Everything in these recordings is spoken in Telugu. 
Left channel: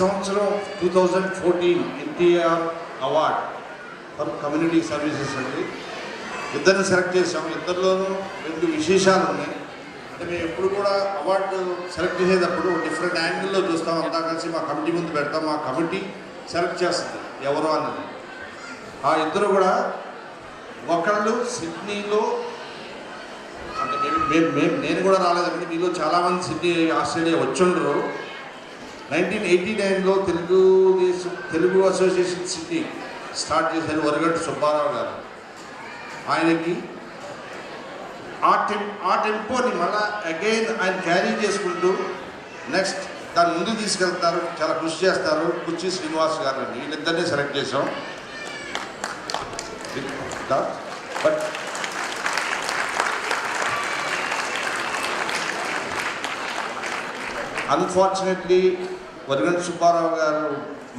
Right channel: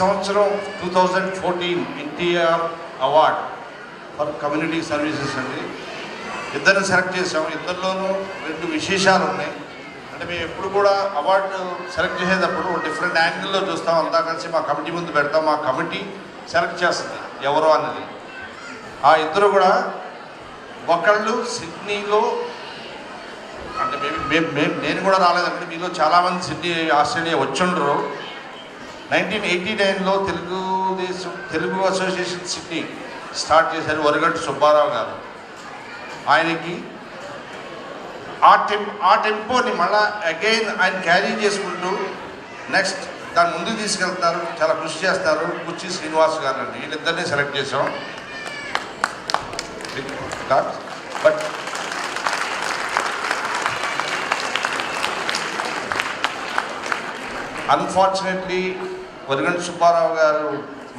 సంవత్సరం 2014 NTR award for community services అండి. ఇద్దరిని సెలెక్ట్ చేసాం. ఇద్దరిలోనూ 2 విశేషాలు ఉన్నాయి. అంటే మేము ఎప్పుడు కూడా అవార్డు సెలెక్ట్ చేసేటప్పుడు డిఫరెంట్ యాంగిల్లో చూస్తాం. అంతా కలిసి మా కమిటీ ముందు పెడతాం. మా కమిటీ సెలెక్ట్ చేస్తుంది ఎవరో అన్నది. ఆ ఇద్దరు కూడా ఒకళ్ళు సిడ్నీలో, అంటే నేను కూడా రాలేదండి, మీలో చాలామంది సిడ్నీ ఆస్ట్రేలియా వచ్చుండ్రు. 1989లో తెలుగు అసోసియేషన్ సిడ్నీ స్టార్ట్ చేశారు వరగంటి సుబ్బారావు గారు. ఆయనకి ఆ టెంపోని మళ్ళీ అగైన్ ఆయన క్యారీ చేసుకుంటూ నెక్స్ట్ దాని ముందుకు తీసుకెళ్తారు, చాలా కృషి చేస్తారు. కుర్చీ శ్రీనివాస్ గారు అండి. వీళ్ళిద్దరినీ సెలెక్ట్ చేసాం. బట్ అన్ఫార్చునేట్లీ వరగంటి సుబ్బారావు గారు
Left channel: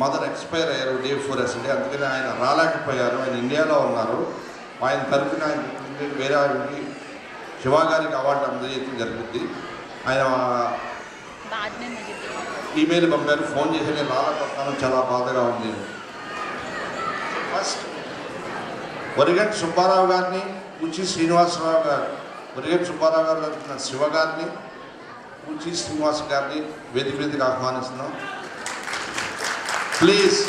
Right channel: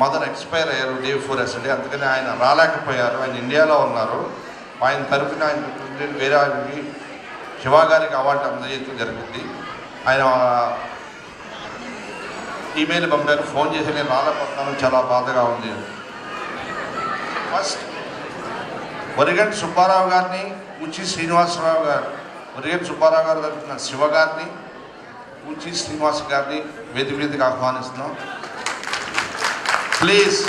మదర్ ఎక్స్పైర్ అయ్యారు డే 4 yesterday. అందుకని ఆయన రాలేకపోయారు. ఆయన ఇండియాలో ఉన్నారు. ఆయన తరఫున ఆయన వేరే ఆయనకి శివ గారికి అవార్డు అందజేయడం జరిగింది. ఆయన ఈమెయిల్ పంపారు, ఫోన్ చేసి నేను రాలేకపోతున్నాను, చాలా బాధగా ఉంది. ఫస్ట్ వరగంటి సుబ్బారావు గారిని, కుర్చీ శ్రీనివాసరావు గారు, వరగంటి సుబ్బారావు గారు తరఫున శివ గారిని, కుర్చీ శ్రీనివాస్ గారిని వేదిక మీదకి ఆహ్వానిస్తున్నాం. ప్లీజ్.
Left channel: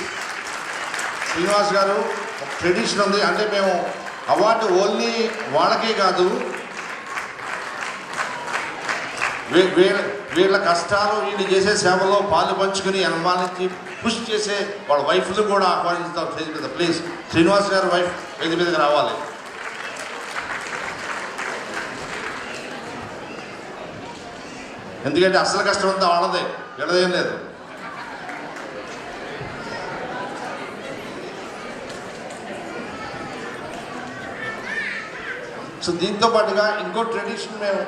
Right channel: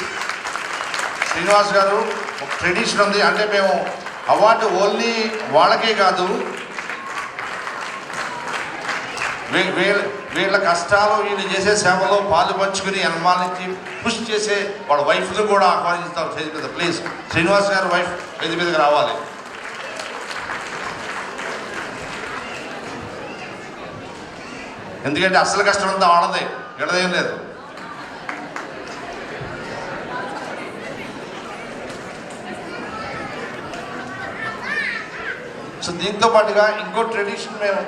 శ్రీనివాస్ గారు, ఒక ట్రెడిషన్ ఉంది. అంటే మేము అవార్డు ఓన్లీ వాళ్ళకే కాదు, వీళ్ళ కష్టాలు, వీళ్ళు చేసే సేవలో పాలు పంచుకుని అనుమానించి పుష్ చేసే వాళ్ళ వైఫ్లు కూడా ఆహ్వానిస్తాం స్టేజ్ మీద. ప్లీజ్ శ్రీనివాస్ గారు వైఫ్ వేదిక మీదకి రావాలి. ఎందుకంటే అసలు కష్టం అంతా వాళ్ళదే, వీళ్ళదేం లేదు. సో దీంతో పాటుగా ఇంకో ట్రెడిషన్ మేము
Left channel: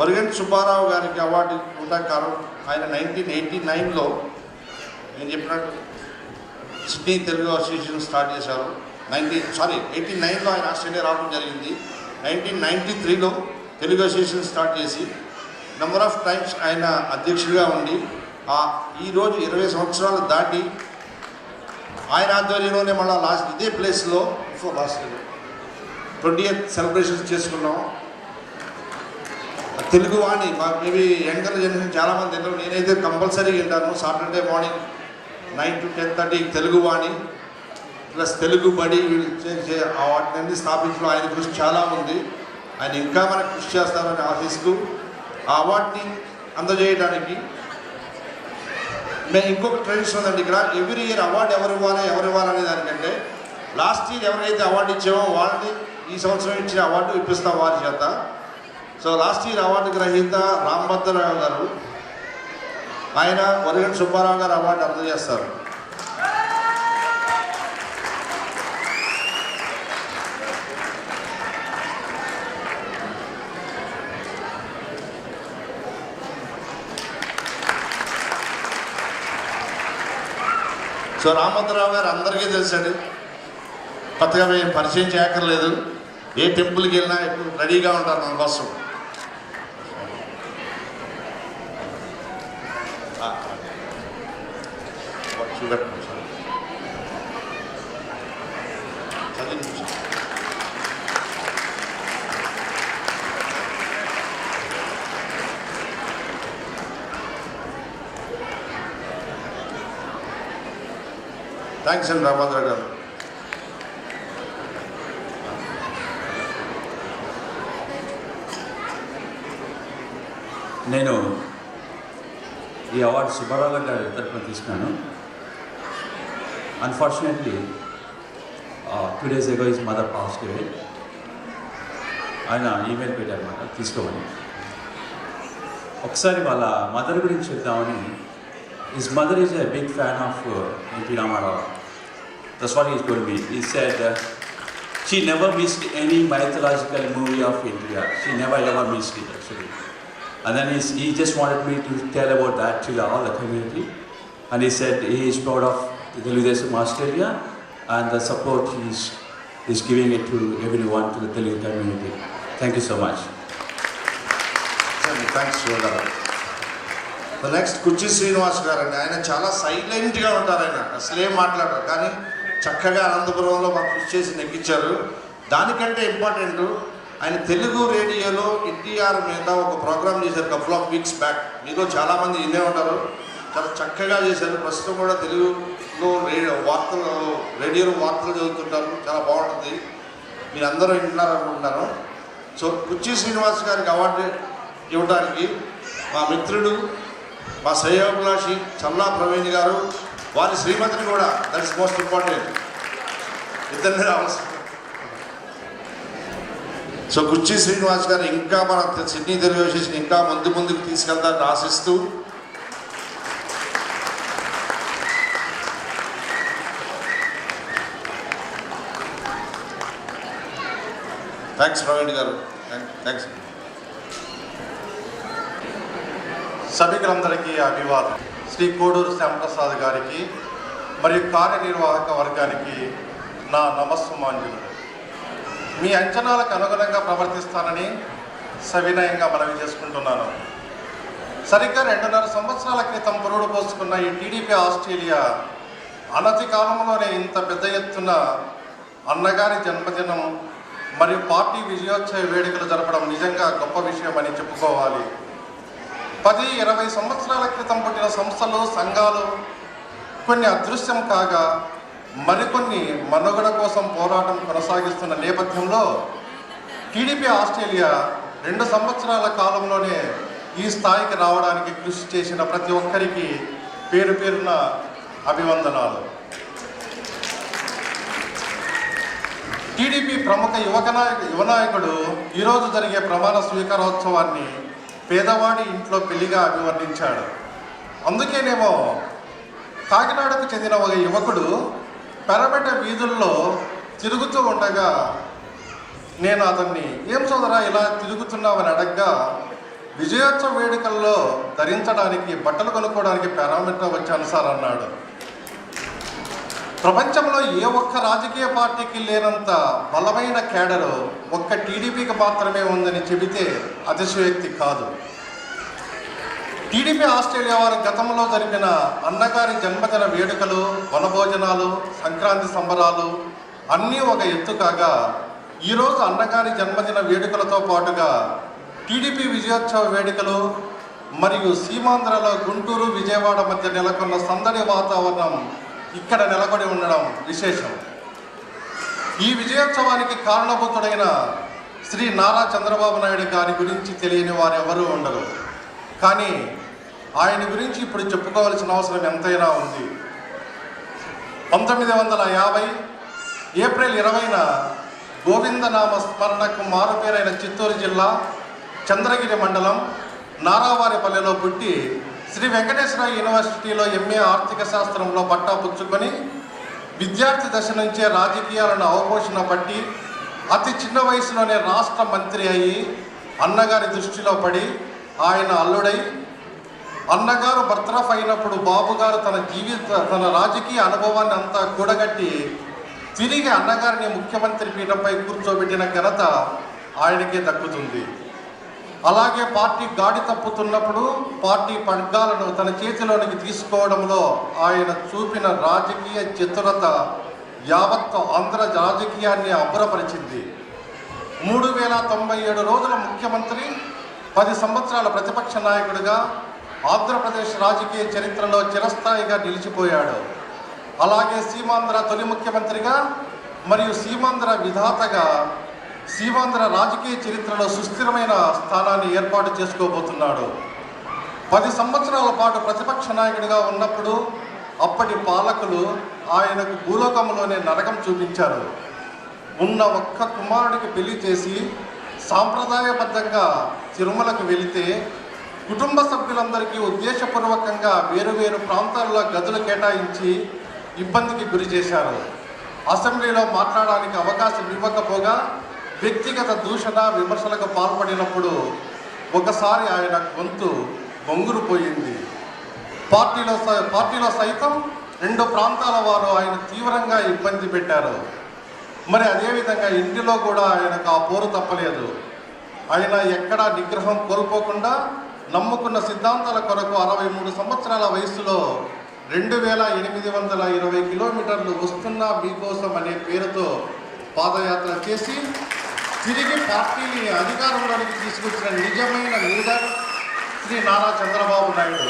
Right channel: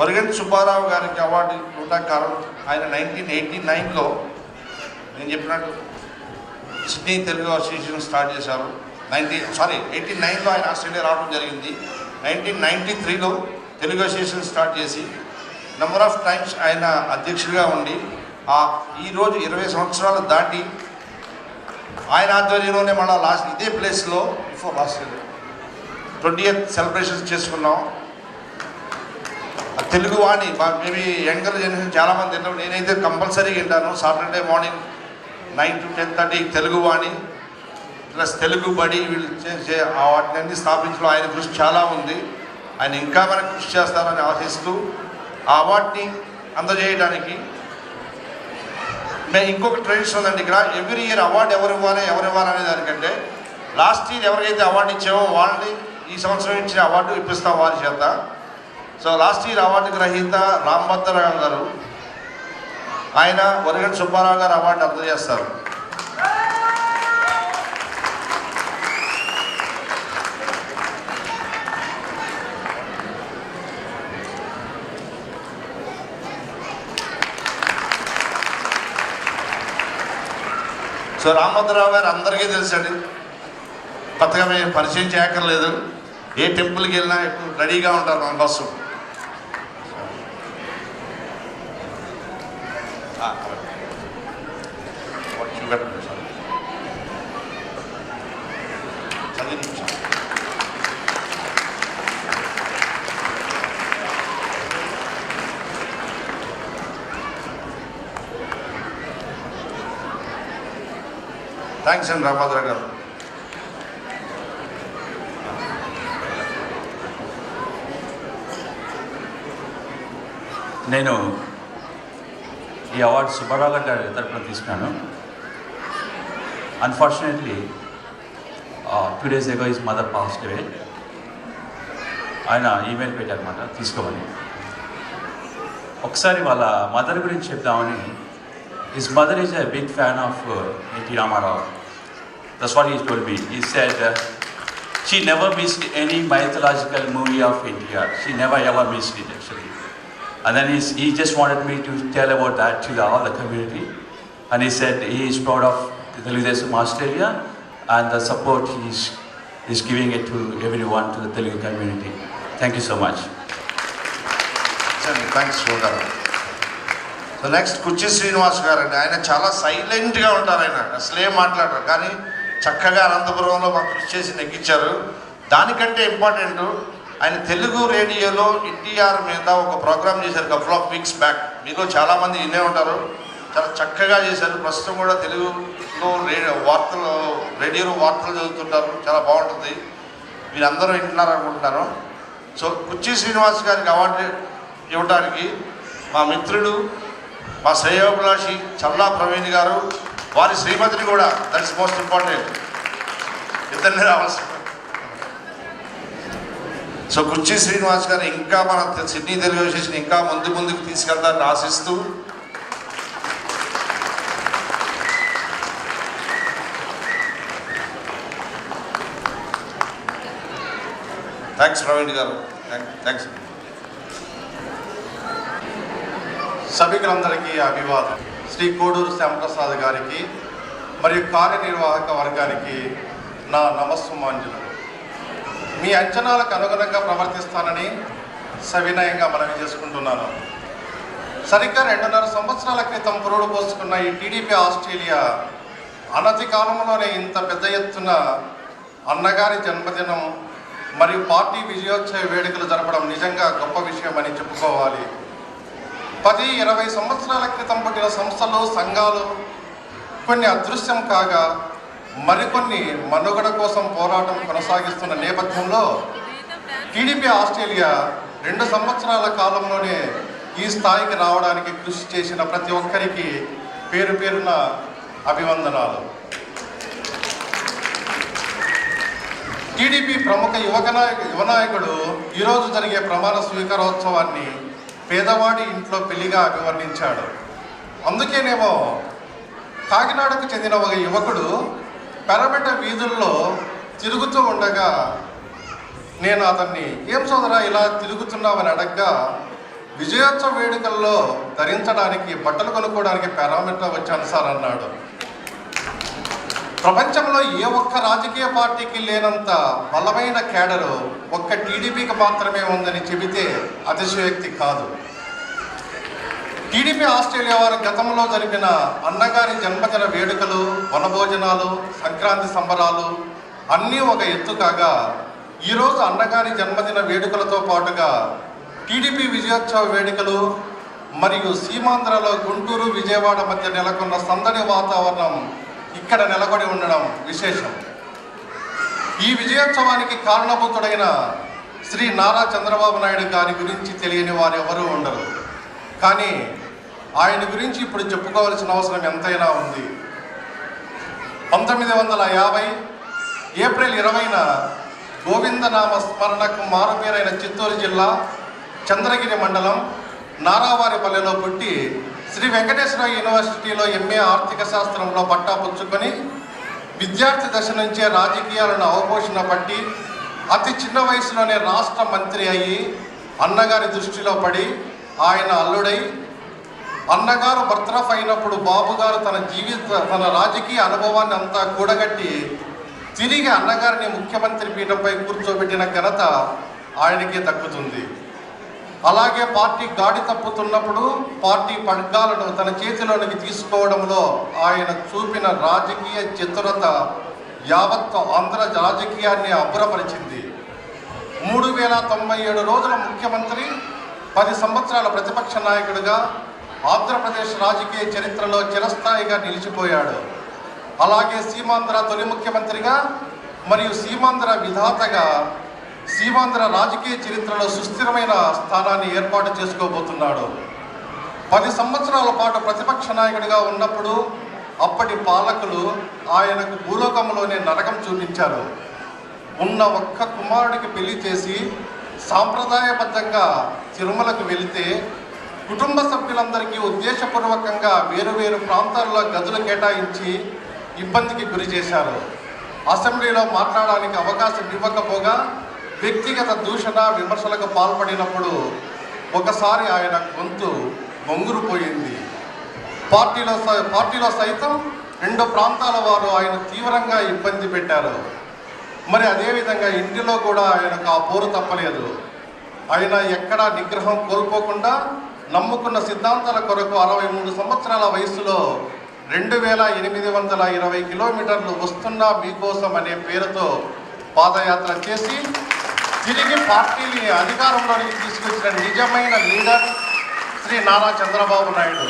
వరగంటి సుబ్బారావు గారికి అవార్డు ఇవ్వడానికి కారణం ఆయన 1989లో నేను చెప్పినట్టు సిడ్నీ తెలుగు అసోసియేషన్ స్టార్ట్ చేశారు. 89లో ఆయన ఆస్ట్రేలియా రావడం జరిగింది. 1993లో తెలుగు అసోసియేషన్ స్టార్ట్ చేసి నెంబర్ ఆఫ్ టైమ్స్ ఆయన అధ్యక్షుడిగా ఉండి ఈరోజు 20 సంవత్సరాలు దాటి ఆయన ఆధ్వర్యంలోనే మళ్ళీ లాస్ట్ ఇదే ప్లేస్లో లాస్ట్ 20th సెలబ్రేషన్స్ చేసుకున్నాం. తెలుగు వాణి మేబీ యంగర్ జనరేషన్ చాలామంది విన్నాం. నేనైతే కంపల్సరీ వింటాను. Saturday morning 9 to 10:30 Telugu Vani plus Telugu బడి వీళ్ళు చేసే వాటిని స్థాపించడం ఆయన కృషి చాలా ఉంది. ఆయన ఇంకా మనకు కృషి చేస్తారని ఆశిస్తూ ఆ అవార్డుని అందజేయడానికి మేము ఇంకొక ట్రెడిషన్ ఉందండి ఇక్కడ. ఎవ్రీ ఇయర్ అవార్డు ఎవరు ఇవ్వాలనే దానికంటే లాస్ట్ ఇయర్ ఎవరికైతే అవార్డు ఇచ్చామో వాళ్ళని ఈ సంవత్సరం ఇచ్చిన అవార్డు ఇప్పిస్తాం వారి చేత. సో లాస్ట్ ఇయర్ అవార్డు గ్రహీత రాంభద్రరావు గారు, ఆయన వరగంటి సుబ్బారావు గారు అవార్డు అందజేస్తారు. సో రాంభద్రరావు గారు అందరికీ తెలుసండి, కొత్తగా మేము పరిచయం చేయక్కర్లేదు. ఏ టెంపుల్కి వెళ్ళినా ఎప్పుడు రెడీగా ఉంటారు మన కోసం. థ్యాంక్స్ అండి రామభద్ర గారు. నేను ఈ అవార్డు సుబ్బారావు గారి తరఫున తీసుకున్నాను. Unfortunately 2 days ago his mother passed away. ఆయన ఈమెయిల్ పెట్టారన్నమాట తీసుకోమని. ఒకసారి వాళ్ళ మదర్ గురించి చెప్దామని. His mother is a big fan of N T Rama Rao. That's what he told me. He said she never missed any mythological movie of India. She never ever missed it actually. And then he just wanted me to tell about that to all the community. And he said he is proud of Telugu Desam Australia and the support he is is giving it to everyone, to the Telugu community. Thank you so much. Thanks Shiva గారు. నెక్స్ట్ కుర్చీ శ్రీనివాస్ గారు అండి. ఆయన చాలా సైలెంట్గా ఉంటారు. ఆయన అసలేం మాట్లాడరు, కానీ చక్కగా అనంతపురంలో మాకు కృషి చేసి నెగ్గించారు. దానికంటే ఇంపార్టెంట్, ఆయన తెలుగు రేడియోలో ఎన్టీఆర్ మీద ఒక ప్రోగ్రామ్ చేశారు కపుల్ ఆఫ్ వీక్స్ బ్యాక్. మీతో చాలామంది వినే ఉంటారు. చాలా చక్కగా చేశారు. ప్రస్తుతం కూడా తెలుగులో రేడియోలో వార్తలు చదువుతుంటారు. చాలా బాగుంటుంది. మీరందరూ వింటున్నారు అనుకుంటున్నారు. సో కుర్చీ శ్రీనివాస్ గారికి అవార్డు ఇవ్వడానికి మా మిత్రుడు, మా శ్రేయోభిలాషి చల్లా ప్రవీణ్ గారు, వారి శ్రీమతిని కూడా, దట్ ఇస్ మోస్ట్ ఇంపార్టెంట్, ఇద్దరిని రావాల్సి. సో కుర్చీ శ్రీనివాస్ గారు ఇంకా మన సిడ్నీ తెలుగు అసోసియేషన్ ఇంకా ముందుకు తీసుకెళ్తారని ఆశిస్తూ, థ్యాంక్స్ ప్రవీణ్ గారు, థ్యాంక్స్. సభికులందరికీ అభివాదం. శ్రీ కోడూరు శ్యాంప్రసాద్ గారికి మరియు కార్యనిర్వాహక వర్గానికి నా నమస్సుమాంజలు. మీ అంచనాలకు అనుగుణంగా ప్రవర్తిస్తానని సవినయంగా మనవి చేసుకుంటున్నాను. సరిగ్గా 2.5 సంవత్సరాల క్రితం పురుడు పోసుకున్న ఈ టీడీపీ ఆస్ట్రేలియా అనతి కాలంలోనే ఇంత పెద్ద ఎత్తున అన్నగారి జన్మదినం మరియు పార్టీ విజయోత్సవ వేడుకలు జరపడం నిజంగా గొప్ప విషయం అని చెప్పుకోవాలి. 10-20 సంవత్సరాల క్రితం పుట్టిన సంస్థలు, సంఘాలు కొన్ని అదృశ్యం కాగా మరికొన్ని మనుగడ కోసం పోరాటం కొనసాగిస్తున్న నేపథ్యంలో టీడీపీ ఆస్ట్రేలియా 2 సంవత్సరాల కాలంలోనే ఈ స్థాయికి రావడానికి కృషి చేసిన ప్రతి ఒక్కరికి పేరు పేరున అభివందనాలు. టీడీపీ ప్రముఖ యువనాయకుడు ఈరోజు జరిగే ప్రమాణ స్వీకారోత్సవాన్ని పేదవాడి ఇంట్లో పెళ్లిగా అభివర్ణించాడు. అందుకేనేమో కాకినాడకు చెందిన ఒక యువకుడు పెరబెట్ట వీధుల్లో తిరుగుతూ ఉండగా నేను అతన్ని, ఏం సోదరా ఇలా తిరుగుతున్నామని అడగ్గా, విజయోత్సవ వేడుకల్లో ధరించడానికి బట్టలు కొనుక్కోవడానికి పెరబెట్ట వచ్చాను సార్ అన్నాడు. ప్రపంచంలో ఏ ఒక్క రాజకీయ పార్టీకి లేనంత బలమైన కేడరు ఒక్క టీడీపీకి మాత్రమే ఉందని చెబితే అతిశయోక్తి కాదు. టీడీపీ ఆస్ట్రేలియా వారి గతంలో జరిపిన అన్నగారి జన్మదిన వేడుకలు, వనభోజనాలు, సంక్రాంతి సంబరాలు అన్నీ ఒక ఎత్తు కాగా, ఈరోజు అన్నగారి జన్మదిన వేడుకలతో పాటుగా టీడీపీ విజయోత్సవ వేడుకలు మరియు సీమాంధ్రలో గుంటూరు, విజయవాడ మధ్య నెలకొన్న సందడి వాతావరణం ఇక్కడ నెలకొడి ఉండడం విశేషం. ఈ విజయోత్సవానికి కారణభూతుడైన శ్రీ నారా చంద్రబాబు నాయుడు గారి గురించి తెలియని వారు ఎవరూ ఉండరు. కానీ ఆయన గురించి ఇప్పుడు చెప్పుకోవాల్సిన అవసరం ఎంతైనా ఉంది. 1950 ఏప్రిల్ 20న గోవిందనామ స్మరణకు మారుపేరైన చిత్తూరు జిల్లా చంద్రగిరి మండలం నారావారిపల్లెలో పుట్టి శ్రీ వెంకటేశ్వర యూనివర్సిటీలో ఎంఏ ఆర్థిక శాస్త్రంలో పట్టా పుచ్చుకొని విద్యార్థి దశ నుంచే రాజకీయాలను అవపోషణ పట్టి అతి చిన్న వయసులోనే రాష్ట్ర మంత్రి అయ్యి అన్నగారి దృష్టిలో పడి ఆయన అల్లుడై, అన్నగారు బర్తరఫ్ అయినప్పుడు బాబుగారు తన రాజకీయ అనుభవాన్ని అంతా కూడగట్టి తిరిగి అన్నగారిని ముఖ్యమంత్రి పీఠంపై కూర్చోబెట్టిన ఘనత ఆయనకే దక్కుతుంది. అలాగే పార్టీ గాడి తప్పుతున్నప్పుడు పార్టీ పగ్గాలను తన చేతిలోనికి తీసుకోవడంలో ఆయన చూపిన రాజకీయ చతురత యావత్ ఆంధ్ర రాజకీయాన్ని అబ్బురపరిచింది. 3097 రోజుల ముఖ్యమంత్రి, 10 సంవత్సరాల ప్రతిపక్ష నాయకుడిగా ఆంధ్రప్రదేశ్ రాజకీయ చరిత్రలో చిరస్థాయిగా నిలిచిపోయాడు. అలాగే సీమాంధ్ర తొలి ముఖ్యమంత్రిగా మరియు సీమాంధ్ర విధాతగా సీమాంధ్ర రాజకీయ చరిత్రలో సుస్థిరమైన స్థానాన్ని ఏర్పాటు చేసుకోబోతున్నాడు. 10 సంవత్సరాల పాటు ప్రతిపక్ష నాయకుడిగా ఉన్నప్పుడు అప్పటి పాలకులు ఆయనకు భూలోకంలోనే నరకం చూపించారు. ఉన్న ఒక్క కుమారుడికి పెళ్లి చేసి సాంప్రదాయబద్ధంగా తిరుమలకు వెళితే కుటుంబ సభ్యులందరికీ ఉద్దేశపూర్వకంగా వేరువేరు ప్రాంతాల్లో గదులు కేటాయించి ఇబ్బందికి గురి చేశారు. అసెంబ్లీలో మాట్లాడడానికి అవకాశం ఇవ్వకపోగా వ్యక్తిగత దూషణ విమర్శలకు పాల్పడినప్పుడు ఒకసారి ఆయన గొంతు బొంగురుపోయింది. పార్టీలో సైతం 2 ప్రాంతాల వారు ఆయన తీవ్రంగా ఇబ్బంది పెట్టారు. మరి అదేవిధంగా ఇంటిలో కూడా ఆయనకు ఆ పోరు తప్పలేదు. ఆయన ఎక్కడా నిగ్రహం కోల్పోకుండా నమ్ముకున్న సిద్ధాంతాల కొరకు 63 సంవత్సరాల వయసులో 2820 కిలోమీటర్లు వస్తున్నా మీకోసం అనే పేరుతో పాదయాత్ర చేసి తిరిగి పార్టీని అధికారంలోనికి తీసుకొచ్చిన నిజమైన లీడర్ శ్రీ నారా చంద్రబాబు నాయుడు.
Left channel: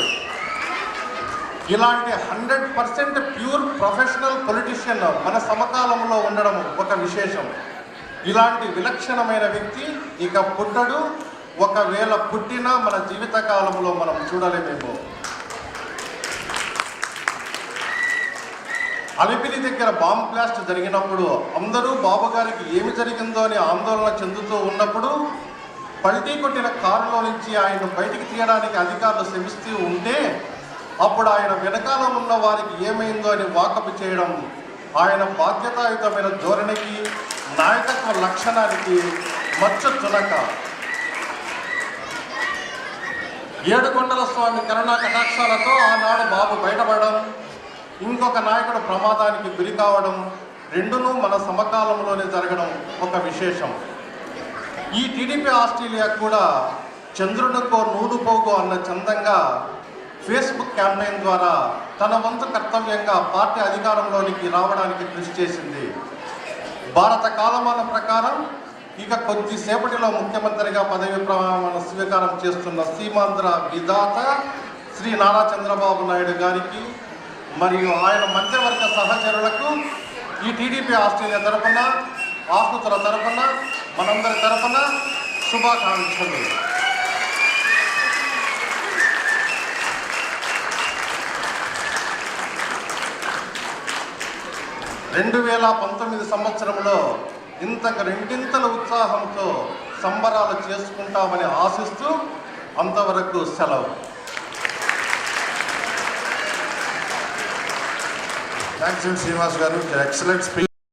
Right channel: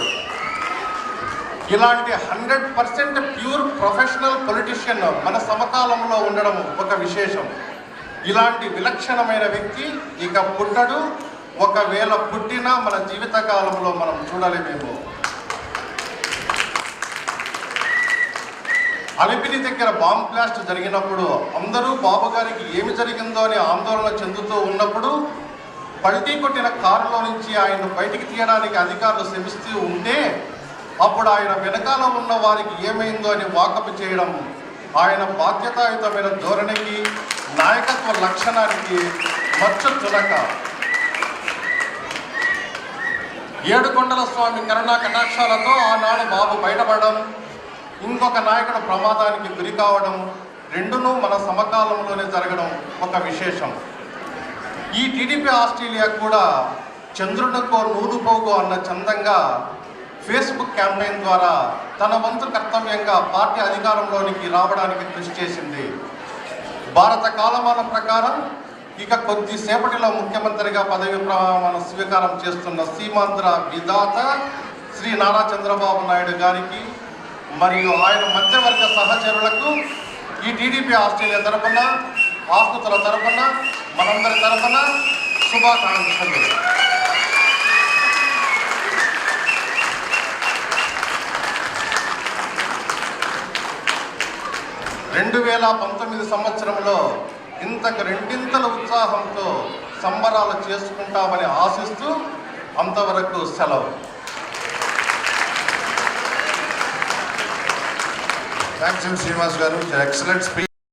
ఇలాంటి 100% ప్యూర్ ప్రొఫెషనల్ పొలిటీషియన్ మన సమకాలంలో ఉండడం ఒక విశేషం. ఇలాంటి విలక్షణమైన వ్యక్తి ఇక పుట్టడు. ఒకవేళ పుట్టినా మన జీవితకాలంలో మనం చూడలేమేమో. అలిపిరి దగ్గర బాంబ్ బ్లాస్ట్ జరిగినప్పుడు అందరూ బాబు గారికి ఏమి జరిగిందో అని ఆందోళన చెందుతూ ఉన్నప్పుడు పల్టీ కొట్టిన కారులో నుంచి ఆయన బయటికి తీయడానికి అధికారులు శ్రమిస్తూ ఉంటే అప్పుడు ఆయన వెనకాల ఉన్న వారికి ఏమైందో అని వాకపు చేయడం ఆయన బాధ్యతాయుతమైన ధోరణికి, నాయకత్వ లక్షణానికి మచ్చు చులక. ఏడుకొండల స్వామి కరుణా కటాక్షాలతో ఆనాడు బాబు బయటపడడం, ఇంకొక నాయకుడు ప్రమాదానికి గురి కావడం రెండునూ మన సమకాలంలోనే జరగడం ఒక విశేషం. ఈ టీడీపీ ఆస్ట్రేలియా కూడా చంద్రునికో నూలుపోగో అన్న చందంగా ఫేస్బుక్ క్యాంపెయిన్ ద్వారా తన వంతు కర్తవ్యంగా పార్టీ అధికారంలోనికి రావడానికి కృషి చేసింది. భారత కాలమాన ప్రకారం ఇక కొద్దిసేపటిలో ముఖ్యమంత్రిగా పదవి ప్రమాణ స్వీకారం చేస్తున్న సీమాంధ్ర విధాత శ్రీ నారా చంద్రబాబు నాయుడు గారికి మరియు ఆయన మధ్యవర్గ సహచరులకు ఈ టీడీపీ ఆస్ట్రేలియా తరఫున, ఆహ్తుల తరఫున, మనందరి తరఫున శుభాకాంక్షలు. 2019 సంవత్సరంలో ఇంతకు రెండింతల ఉత్సాహంతో సంబరాలు చేసుకుంటామని ఆశిస్తూ అంతవరకు సెలవు. థ్యాంక్స్ శ్రీనివాస్ గారు, ఎక్సలెంట్ స్పీచ్.